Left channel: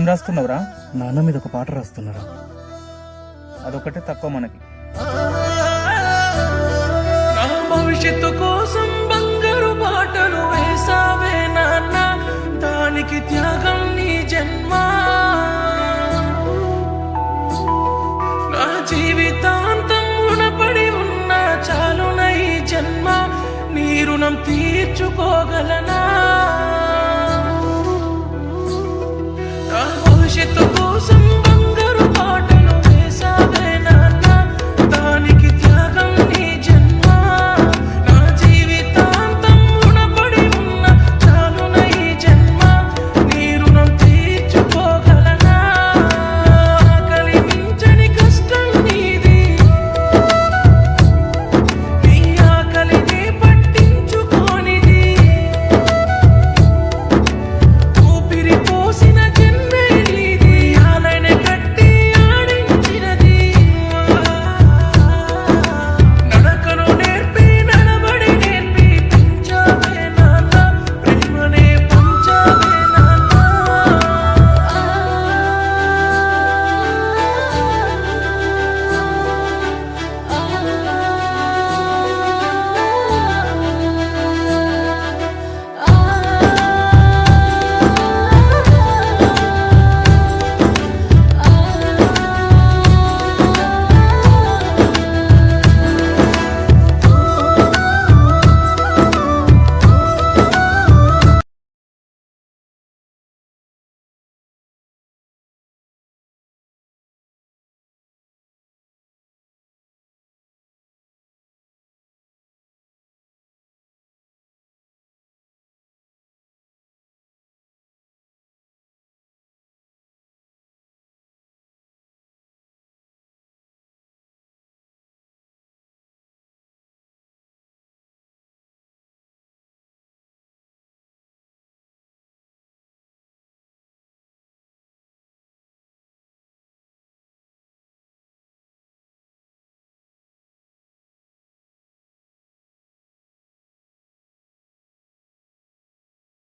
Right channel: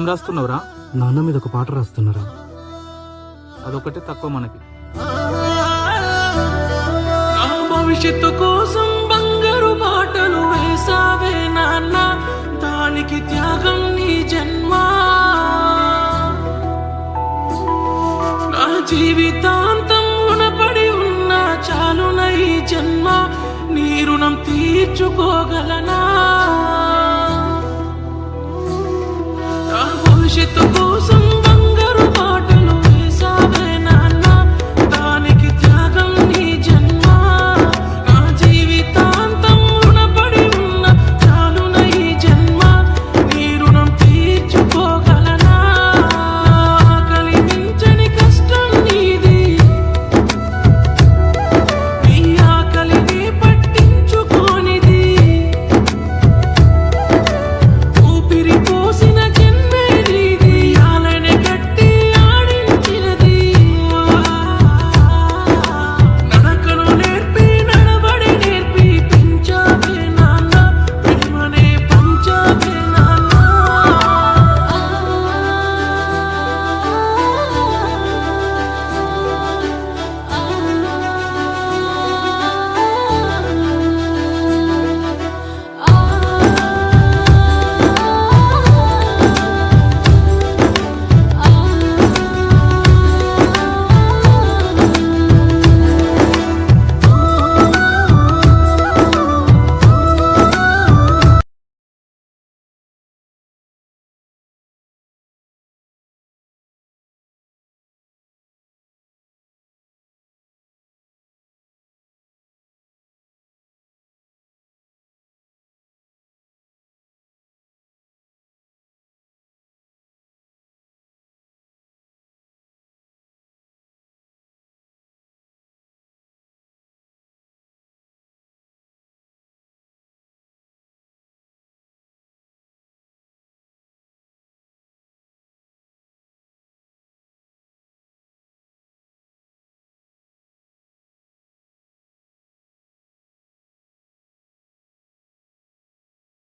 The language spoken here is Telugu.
ఏం రాస్తున్నావురా? నాన్న మీద ఒక పాట రాస్తున్నారా? అదొకటే తక్కువ మనకి. నా భవిష్యత్తు కోసం బంగారు బాటలు వేసావే నాన్న, దానికి త్యాగం నీ జన్మ. నా జీవితాంతం రుణపడి ఉన్నా చాలున ఈ జన్మ, నీ రుణం తీర్చుకోగలనా? నా భవిష్యత్తు కోసం